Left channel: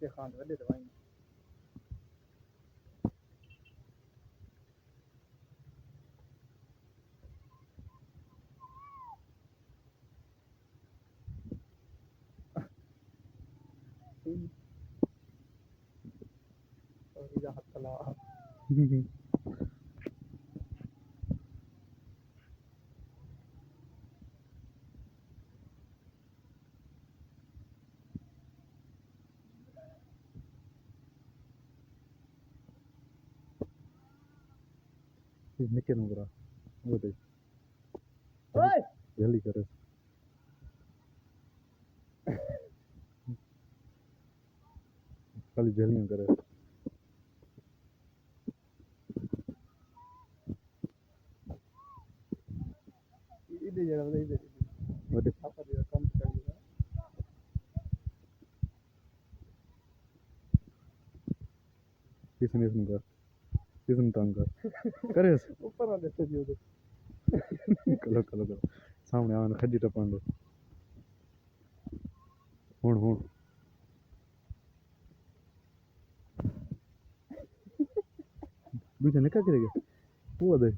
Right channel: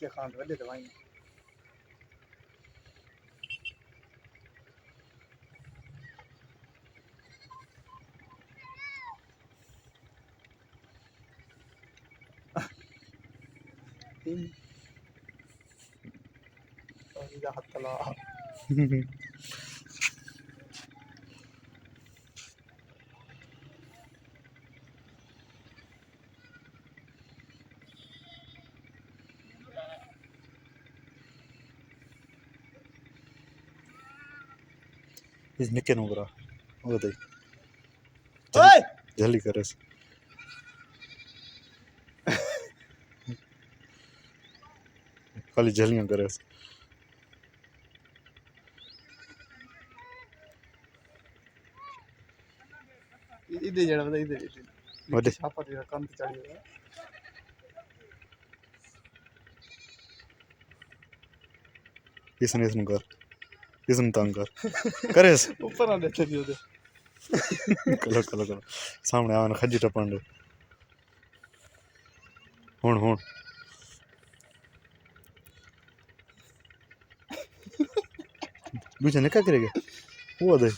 के खान वाले दवाई إذا حتى لا इस निके नुकरा वो दे ओए जल्दी करे खाली जलियां करे इधर जड़ा बता इधर वडे छापा दे कंद चढ़ी इसने कर इसने तंग कर करे ऊपर आ देते भी उधर कलो कलो कलो सामने आवन खजी टपन दे हुन हुन दूसरा ने क्या करेगा वो दे